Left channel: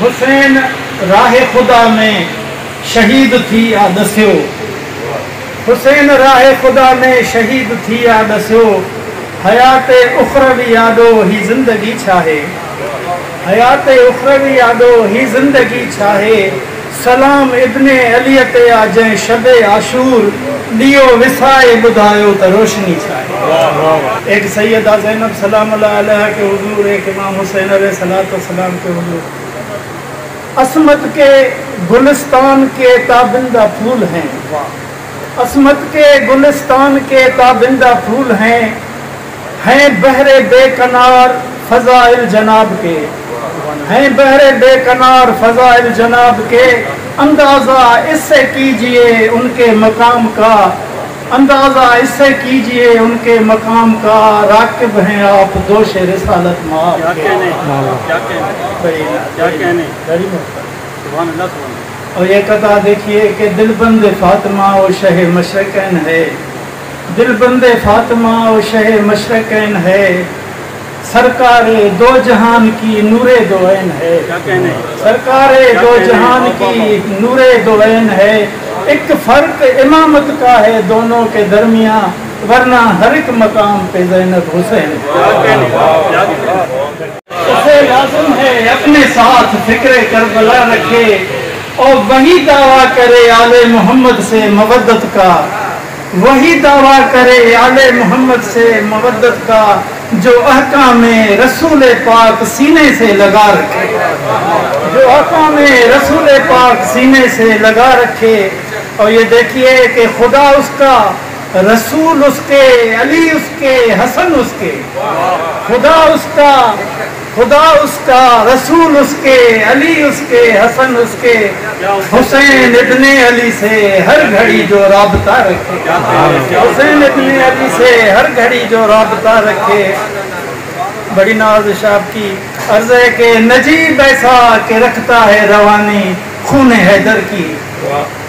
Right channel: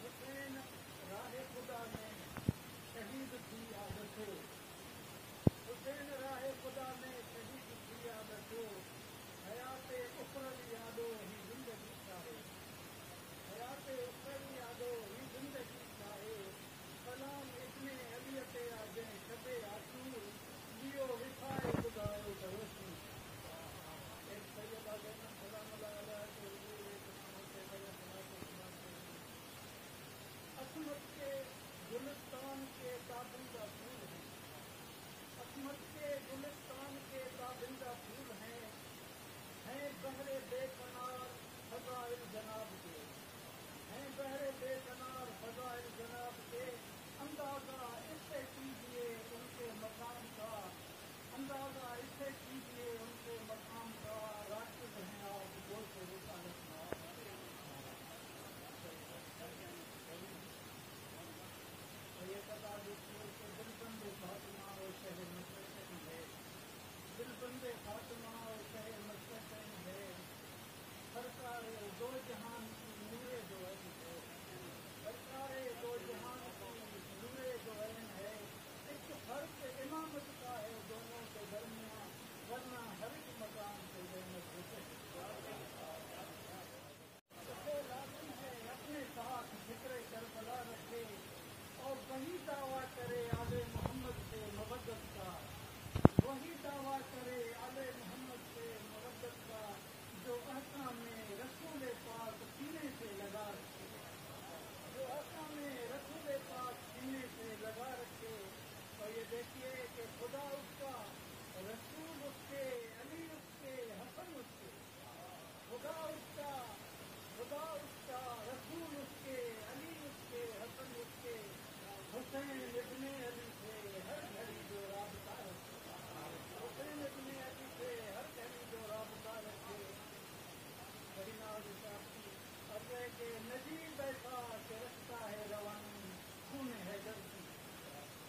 حسین راہ خدا میں شہید تھی آدسیو، حسین راہ خدا میں شہید تھی آدسیو، حیات اخروی یادو ہی زندگی چاہے، حیات اخروی یادو ہی زندگی چاہے، سلام ابن علیت آجیں شب عاشور، لیو وسائے بدھایو تا روشنی چاہے۔ ایک سیدہ زینب سلام اللہ علیہ کے حضور، ایک امام حسین علیہ السلام کے حضور، عصمت کے گلستان کے تابندہ پھول ہیں، عصمت کے گلستان کے تابندہ پھول ہیں بحر بے کنار فضائل جناب کے، ہیں بحر بے کنار فضائل جناب کے، اندازہ اس سے کیجئے ان کے مقام کا، اندازہ اس سے کیجئے ان کے مقام کا، راکب ہیں آپ دوش رسالت مآب کے۔ اور یہ قطع دیکھیے کہ دل بند فاطمہ و شہ مشرقین ہے، دل بند فاطمہ و شہ مشرقین ہے، سرکار دو جہان کی نور دو عین ہے، سرکار دو جہان کی نور دو عین ہے، ایک فرق امامت کا ہے دونوں کے درمیان، ورنہ ہر ایک مقام پہ زینب حسین اسے لازم ہے اپنے ساتھ فکر کربلا رکھے، اور وہی دعویٰ کرے آل محمد سے مودت کا، وہی دعویٰ کرے آل محمد سے مودت کا، جو احکام رسول پاک سینے سے لگا رکھے، جو احکام رسول پاک سینے سے لگا رکھے۔ اور یہ دیکھیے کہ خدا اس کا، رسول اس کے، علی اس کے، حسن اس کے، خدا اس کا، خدا اس کا، رسول اس کے، علی اس کے، حسن اس کے، حسین ابن علی سے ہر گھڑی جو رابطہ رکھے، حسین ابن علی سے ہر گھڑی جو رابطہ رکھے۔ بڑی نوازش آپ کی عرض ہے کہ نجیب ایسا کہ رکھتا ہے روانی خون حیدر کی،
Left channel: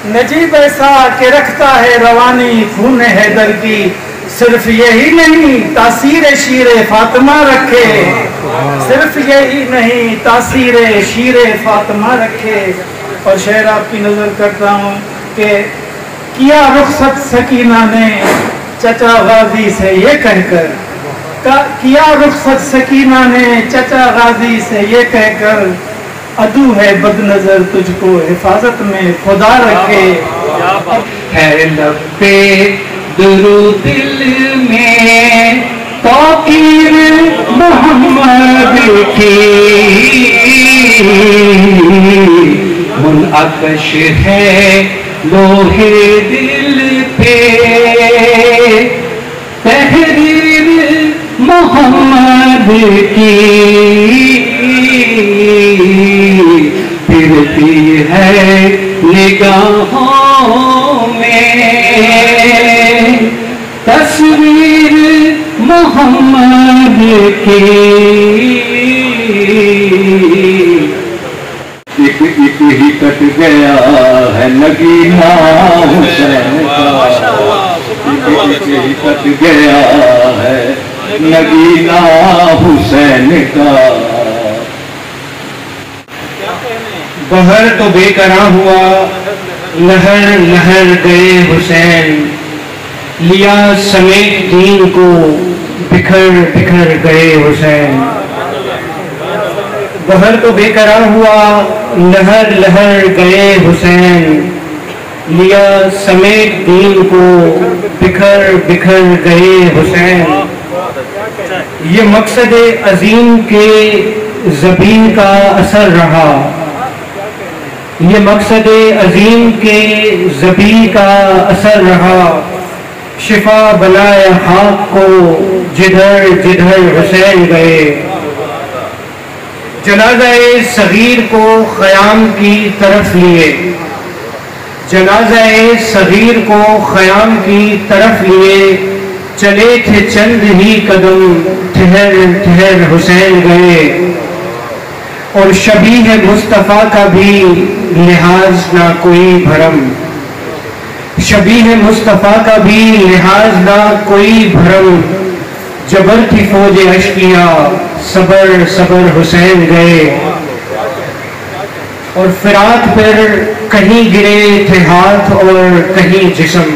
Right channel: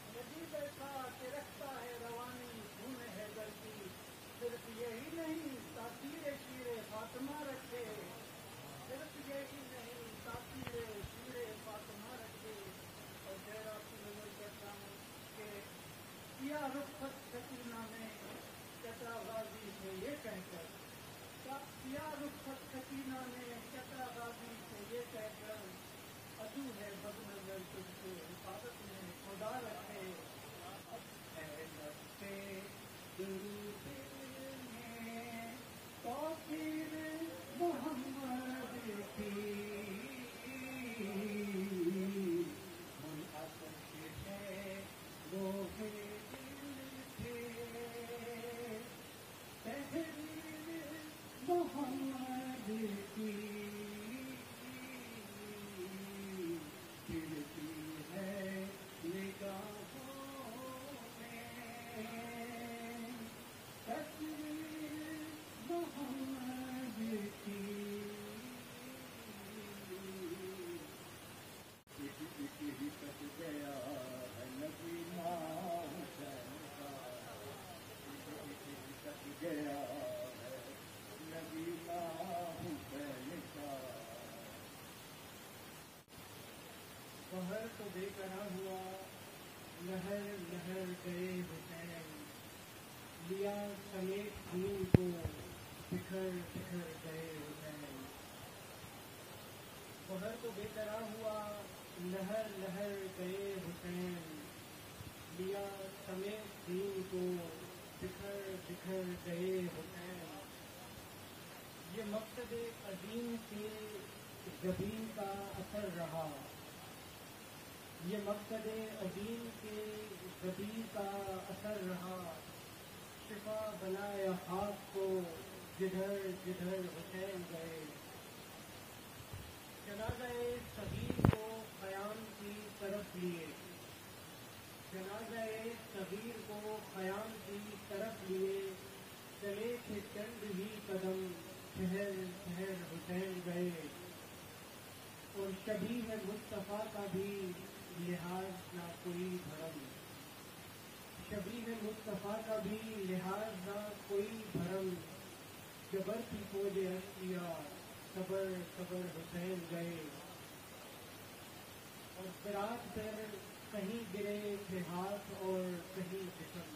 نجیب ایسا کہ رکھتا ہے روانی خون حیدر کی، صرف یہی نہیں تاثیر شیر فاطمہ رکھے، صرف یہی نہیں تاثیر شیر فاطمہ رکھے۔ اور شعر آپ کی نظر کرتا ہوں کہ کیا رخصت سکینہ نے چچا غازی سے یہ کہہ کر، کیا رخصت سکینہ نے چچا غازی سے یہ کہہ کر، عدو ہے بد نظر تجھ کو حفاظت میں خدا رکھے۔ ہے لب پہ درود دل میں توقیر محمد کی، منعکش ہے لوہے دل پہ تحریر محمد کی، پھرتی ہے نگاہوں میں تصویر محمد کی، ایک ہی کٹ گیا ہے نگینہ حسین کا، ایک ہی کٹ گیا ہے نگینہ حسین کا۔ بہر تو بے قرار ہوا، لہر لہر گئے حسین، لیا سمیت دین کو بکھر بکھر گئے حسین۔ بہر تو بے قرار ہوا، لہر لہر گئے حسین، لیا سمیت دین کو بکھر بکھر گئے حسین۔ یہ مقصد عظیم کے ذبیح کا اثر رہا، یہ مقصد عظیم کے ذبیح کا اثر رہا، شفا بنائے خاک کو جدھر جدھر حسین گئے۔ جنازہ صغیر کو خیام کی طرف لیے، جنازہ صغیر کو خیام کی طرف لیے، چلے تھے چند ہی قدم ٹھہر ٹھہر حسین گئے۔ اور شبیہ مصطفیٰ کا بھی لحاظ نہ کوئی بھرم، شبیہ مصطفیٰ کا بھی لحاظ نہ کوئی بھرم، جبر کی فوج اشقیاء صبر صبر حسین گئے۔ اور فرات پر کہیں گرے تھے ہاتھ اور کہیں جسم،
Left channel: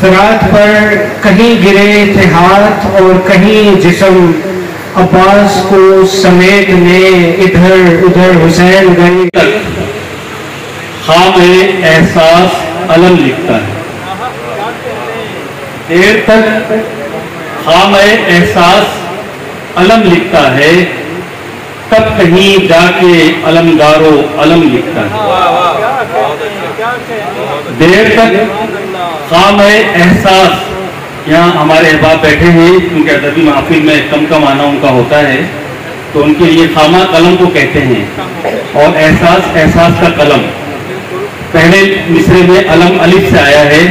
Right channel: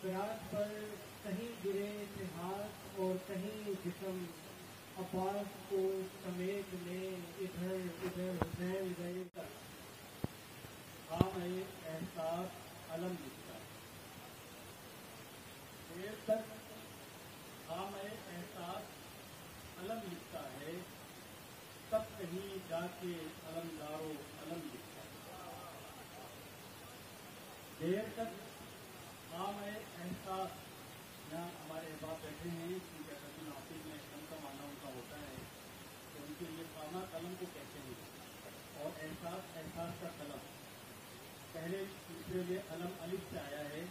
فرات پر کہیں گرے تھے ہاتھ اور کہیں جسم، عباس کو سمیٹنے ادھر ادھر حسین گئے۔ خام احساس علم لکھتا ہے، دیر تک خام احساس علم لکھتا ہے، تب کہیں جا کے علمدارو علم لکھتا ہے۔ دیر تک خام احساس، یہاں ہمارے احباب بیٹھے ہیں کیونکہ ادبی محفل میں کم کم آنا ان کا ہوتا ہے، تو ان کے لیے خامہ قلم کو کہتے ہیں، اور احساس احساس کا قلم۔ پہلے مصرے میں علم الف سے آیا ہے،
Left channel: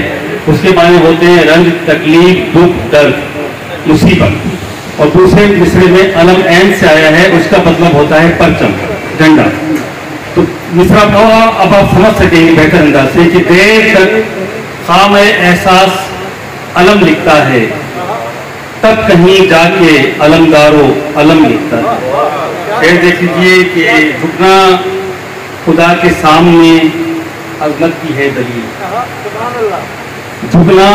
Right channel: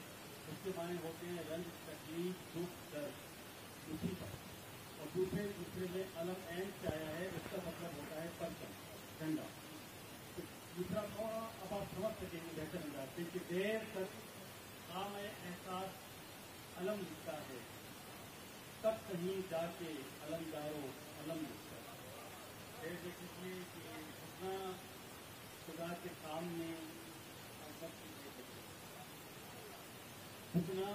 اس کے معنی ہوتے ہیں رنج، تکلیف، دکھ، درد، مصیبت، اور دوسرے مصرے میں علم عین سے آیا ہے، اس کا مطلب ہوتا ہے پرچم، جھنڈا۔ تو مصرع پڑھا، اب آپ سمجھ سکیں گے بہتر انداز سے کہ دیر تک خام احساس علم لکھتا ہے، تب کہیں جا کے علمدارو علم لکھتا ہے۔ پھر دیکھ لیجیے کہ جھکنا خدا کے سامنے عظمت کی ہے دلیل، جھکنا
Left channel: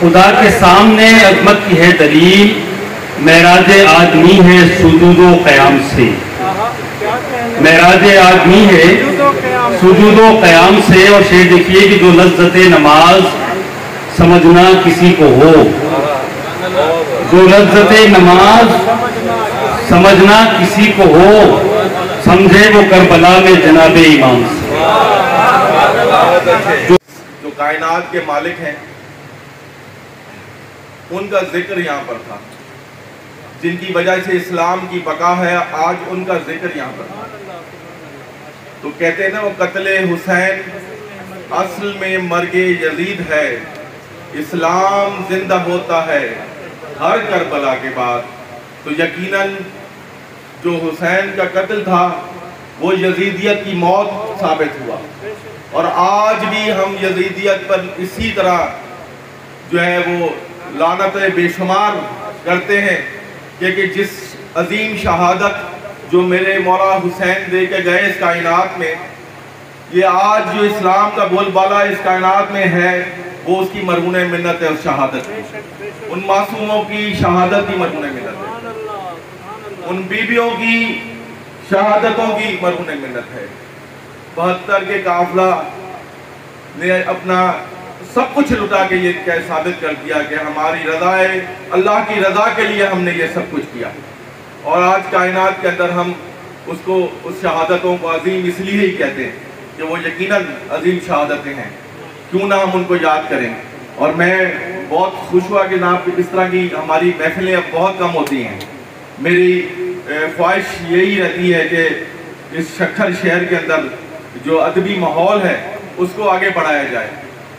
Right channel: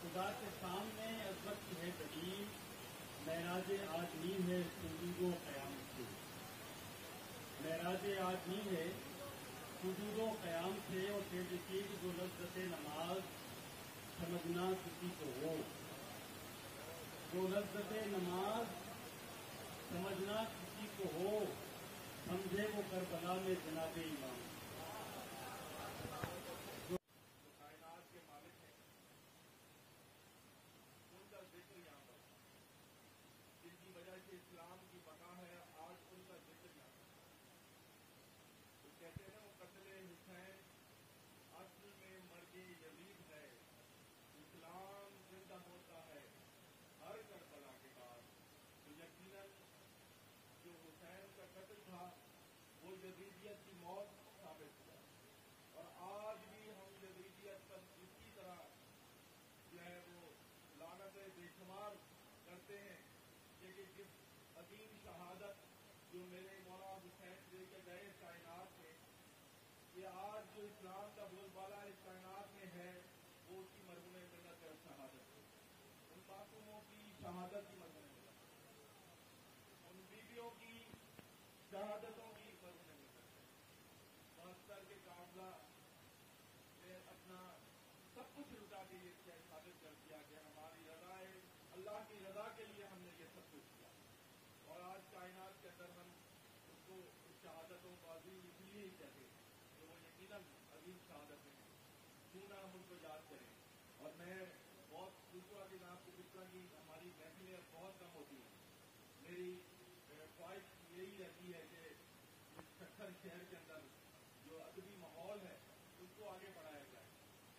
خدا کے سامنے عظمت کی ہے دلیل، معراج آدمی ہے سجود و قیام سے، معراج آدمی ہے سجود و قیام سے۔ اور شعر دیکھیے کہ جو لذت نماز سمجھنا کسی کو ہو، جو لذت نماز سمجھنا کسی کو ہو، سمجھے وہ کربلا میں جناب امام سے۔ جو کائنات کے مالک ہیں ان کا ذکر یہاں پر تھا، جن کی وجہ سے اسلام کی بقا ہے، آج ان کا ذکر یہاں پر تھا۔ تو کہتے ہیں نا وہ قتل حسین اصل میں مرگ یزید ہے، اسلام زندہ ہوتا ہے ہر کربلا کے بعد۔ تو یقیناً جو حسین کا قتل تھا وہ یزیدیت کی موت ثابت ہوا، اور آج بھی ہم یزیدیت پر اسی طرح جو ہے وہ لعنت بے شمار کرتے ہیں کہ جس عظیم شہادت جو میرے مولا حسین دے کے گئے اس کائنات میں، یہ آج جو اسلام کا بول بالا اس کائنات میں ہے وہ اس کی مرہون منت ہے، اس شہادت کی، ان معصوموں کی شہادت کی مرہون منت ہے، ان بیویوں کی شہادتوں کی مرہون منت ہے۔ 72 کے قافلہ نے اپنا سب کچھ لٹا کے یہ ثابت کر دیا کہ ہماری رضا ہے، اللہ کی رضا کے لیے ہم نے یہ سب کچھ کیا، اور آج کائنات کے اندر ہم اس شہادتوں کو عظیم اس لیے ہی کہتے ہیں کہ وہ یقیناً عظیم شہادتیں ہیں، کیوں نہ ہم ان کو یاد کریں۔ اور میں بہت خوش ہوا کہ جناب اس طرح کی ہماری محفلیں اب بہت کم ہوتی ہیں۔ میری خواہش یہی رہتی ہے کہ اس شکھر شہر کے اندر جو ادبی ماحول ہے اس کو آگے بڑھایا جائے،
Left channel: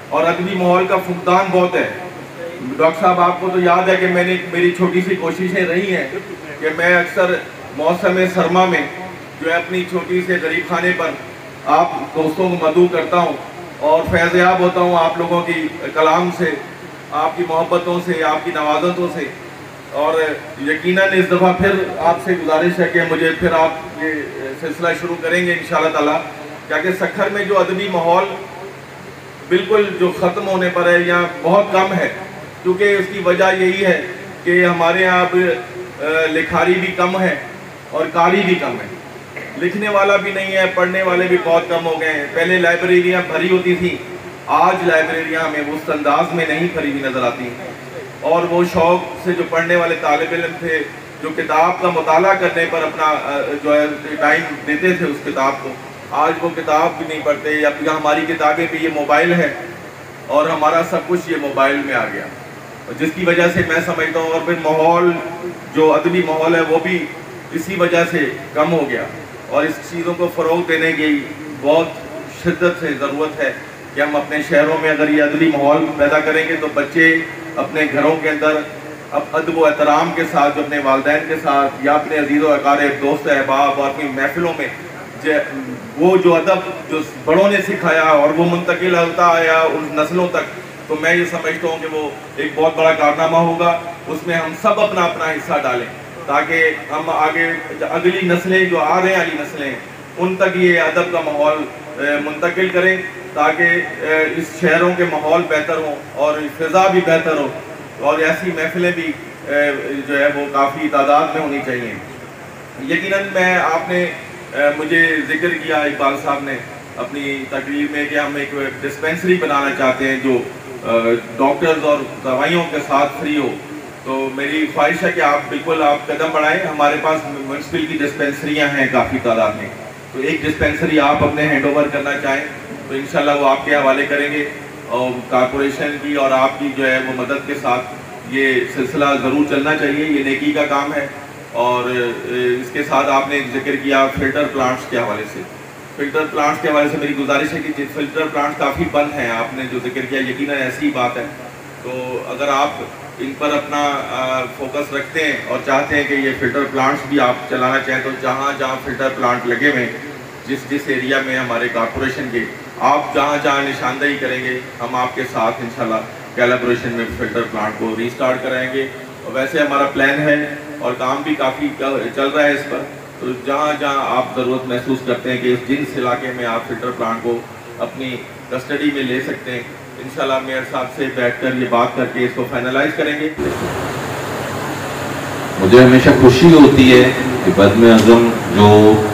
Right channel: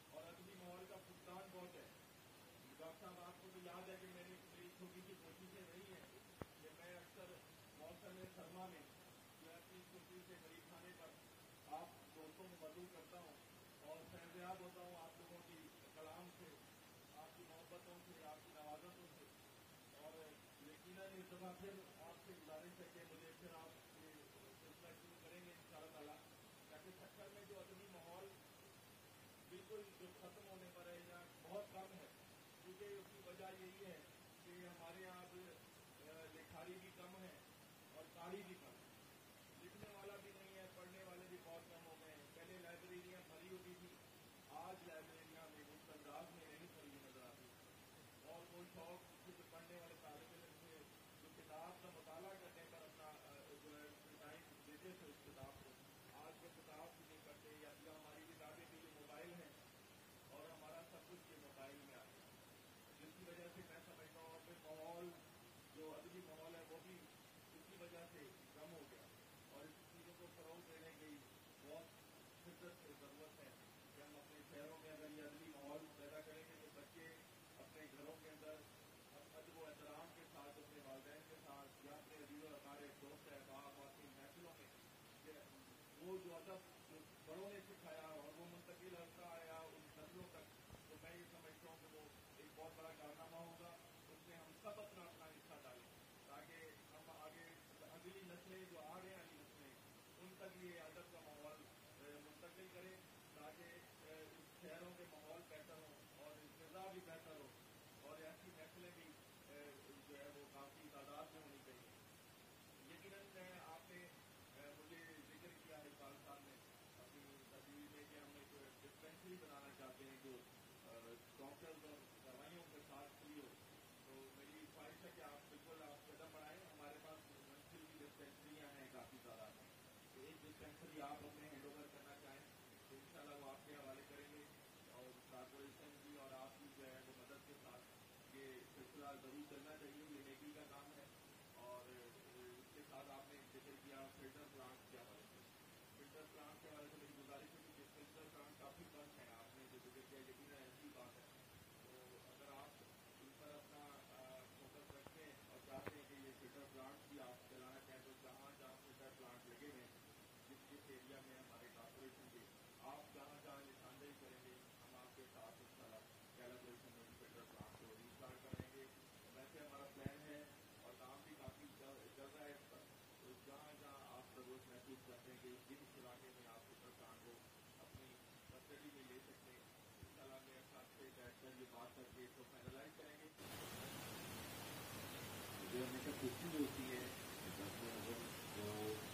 اور ادبی ماحول کا فقدان بہت ہے۔ ڈاکٹر صاحب آپ کو تو یاد ہے کہ میری چھوٹی سی کوششیں رہی ہیں کہ میں اکثر موسم سرما میں جو ہے اپنی چھوٹی سے غریب خانے پر آپ دوستوں کو مدعو کرتا ہوں اور فیض یاب ہوتا ہوں آپ لوگوں کی کلام سے، آپ کی محبتوں سے، آپ کی نوازتوں سے۔ اور یقیناً اس دفعہ پھر آپ سے گزارش ہے کہ مجھے پھر آپ یہ سلسلہ شروع کریں گے انشاءاللہ تعالیٰ، کیونکہ سکھر میں جو ادبی ماحول بالکل جو ختم ہونے پر ہے یا بہت کم ہے، کیونکہ اس کی وجہ یہی ہے کہ ہمارے یہاں اب لکھاری بھی کم ہے اور قاری بھی کم ہے، لکھنے والا بھی نہیں ہے، پڑھنے والے بھی بہت کم ہو گئے ہیں۔ پہلے لائبریریاں بھری ہوتی تھیں، آج لائبریریاں ہمیں اس انداز میں نہیں بھری ہوئی نظر آتی، اور وہ شوق سے جو پڑھنے والے طالب علم تھے، جو کتاب کا مطالعہ کرنے پر اپنا جو ہے ٹائم دیتے تھے اس کتاب کو، آج وہ کتاب بھی نہیں پڑھتے، یا ہماری کتابیں بھی یہ موبائل ہے اور ہمارا سب کچھ یہ موبائل میں آ گیا، جس کی وجہ سے میں سمجھتا ہوں اور پھر ماحول جو ادبی ماحول ہے وہ بھی اسی وجہ سے کم ہو گیا، اور اس چیزوں کو فروغ دینے کی بہت شدت سے ضرورت ہے کہ ہم اپنے شہروں میں اگر یہ ادبی ماحول پیدا کریں گے تو بچے اپنے گھروں کے اندر اب ادب و احترام کے ساتھ جو اپنے والدین کے ساتھ یا اپنے عزیز و اقارب دوست احباب اور اپنی محفلوں میں وہ جو ادب جو بڑوں نے سکھایا اور وہ منتقل ہوتا آیا ان نسلوں تک، تو میں یہ سمجھتا ہوں کہ وہ ایک بہت بڑا کارنامہ ہوگا۔ اس میں ہم سب اپنا حصہ ڈالیں تاکہ ہم آگے اگلی نسلیں جو آ رہے ہیں، اگلی نسلیں ان تک یہ ادب کا ماحول منتقل کریں تاکہ اس شہروں کے ماحول بہتر ہوں اور فضا بھی بہتر ہو، اور ایسی محفلیں بھی جو ہے وہ کافی تعداد میں ہونی چاہیے۔ یقیناً آپ نے مجھے ذکر کیا اقبال صاحب نے اپنی تقریر میں کہ ہم ایک ڈسپینسری بنانا چاہتے ہیں جو ڈاکٹرز اور دوائیوں کے ساتھ فری ہو، تو میری خواہش ہے کہ بالکل آپ قدم بڑھائیں۔ ہمارے پاس میونسپل کی ڈسپینسریاں ہیں کافی تعداد میں، تو ایک ڈسپینسری آپ اپنے ہینڈ اوور کرنا چاہیں تو انشاءاللہ وہ آپ کے حوالے کریں گے، اور کارپوریشن کی اور آپ کی جو ہے وہ مدد کے ساتھ یہ سلسلہ ضرور چلنا چاہیے، یہ نیکی کا کام ہے۔ اور اس کے ساتھ آپ نے ذکر کیا فلٹر پلانٹس کے حوالے سے، فلٹر پلانٹس کے حوالے سے میری گزارش ہے کہ فلٹر پلانٹس کافی بند ہیں، آپ نے جو ذکر کیا یقیناً ایسی بات ہے، تو اگر آپ ان پر اپنا فوکس رکھتے ہیں اور چاہتے ہیں کہ یہ فلٹر پلانٹس بھی آپ چلانا چاہیں تو جہاں جہاں فلٹر پلانٹ لگے ہوئے جس ایریا میں ہمارے کارپوریشن کے، آپ جہاں جہاں نشاندہی کریں گے ہم آپ کے ساتھ انشاءاللہ کیلیبریشن میں فلٹر پلانٹ کو ریسٹارٹ کرائیں گے۔ اور ویسے ہمارا پلان ہے اور کام بھی کافی چل رہا ہے اس پر، تو جہاں جہاں آپ ضرورت محسوس کرتے ہیں کہ جس علاقے میں آپ فلٹر پلانٹ کو اپنی کسٹڈی میں لے سکتے ہیں، انشاءاللہ میئر صاحب سے بیٹھ کر یہ بات کر کے اس کو فائنلائز کریں گے۔ مجھے ہمیشہ خوشی ہوتی ہے کہ بدم اعظم جو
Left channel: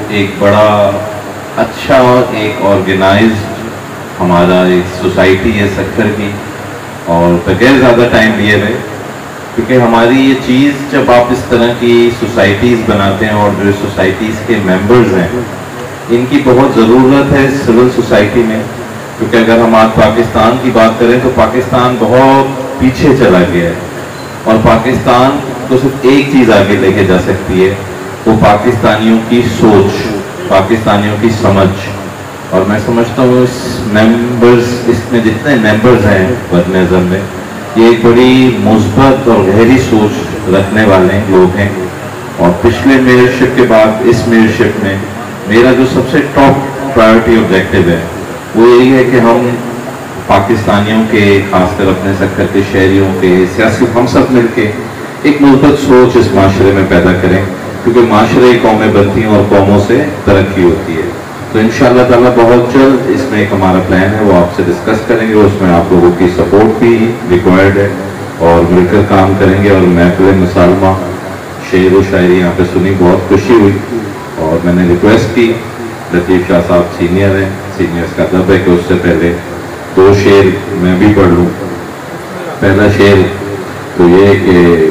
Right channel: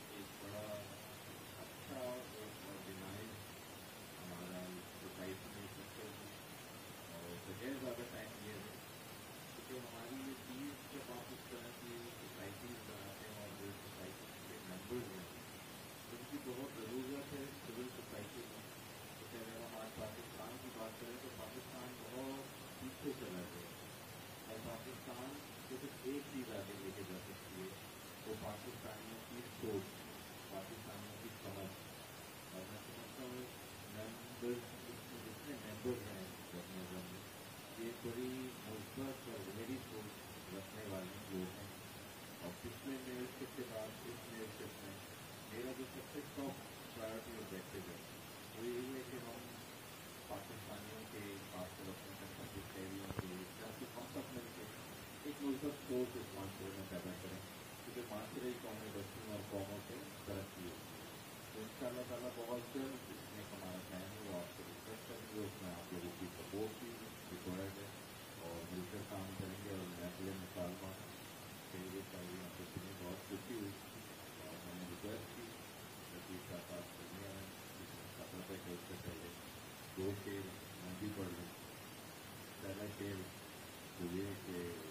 ایک بڑا اچھا ایک آرگنائز ہمارا ایک سوسائٹی ہے سکھر کی، اور بغیر زیادہ ٹائم لیے ہوئے، کیونکہ ہماری یہ چیز جب آپ اس طرح کی سوسائٹیز بناتے ہیں اور جو سوسائٹیز کے ممبرز ہیں ان کی بہت ضرورت ہے سول سوسائٹی میں، کیونکہ اگر ہم آج پاکستان کی بات کریں تو پاکستان بہت پیچھے چلا گیا ہے، اور پاکستان کو صرف ایک چیز آگے لے کے جا سکتی ہے، وہ پاکستانیوں کی سوچ، پاکستانیوں کی سمجھ۔ اور میں سمجھتا ہوں اس میں جتنے ممبرز ہیں بدم اعظم میں، یہ ایک بڑی مثبت اور گہری سوچ رکھنے والے لوگ ہیں، اور پچھلے میئرشپ کے بعد اس میئرشپ میں میرا جو سب سے ٹاپ پرائیورٹی آبجیکٹیو ہے وہ یہی ہے کہ ہم پاکستانیوں کے، خاص کر اپنے سکھر کے شہریوں کے، سیاسی ہم سب مل کے ایک مثبت سوچ اس معاشرے میں پیدا کریں، کیونکہ معاشرے قومیں بنتی ہیں اور قوموں سے ترقی ہوتی ہے۔ تو انشاءاللہ تعالیٰ بہت جلد اس میں ایک ہمارا پلان ہے وہ آپ سے ڈسکس کریں گے، اس میں آپ لوگوں کی سپورٹ بھی ریکوائرڈ ہے، اور مل کر کام کریں گے۔ اور محفل مسالمہ شعر و شاعری یہاں پہ سنی، بہت خوشی ہوئی، اور میں نے ریکویسٹ کی، لطیف شاہ صاحب سینئر ہیں، سینئرز کا ادب ہے کہ اس سے پہلے 2 شعر میں بھی پڑھ لوں۔ پہلا شعر تو یہ کہ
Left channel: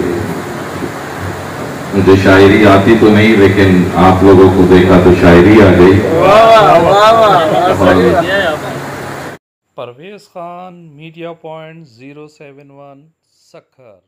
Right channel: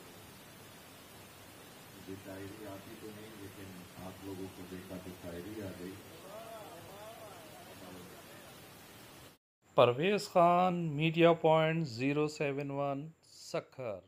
مجھے شاعری آتی تو نہیں، لیکن آپ لوگوں کو دیکھا تو شاعری آ گئی۔ Parvez Khan, media point 071 Sukkur.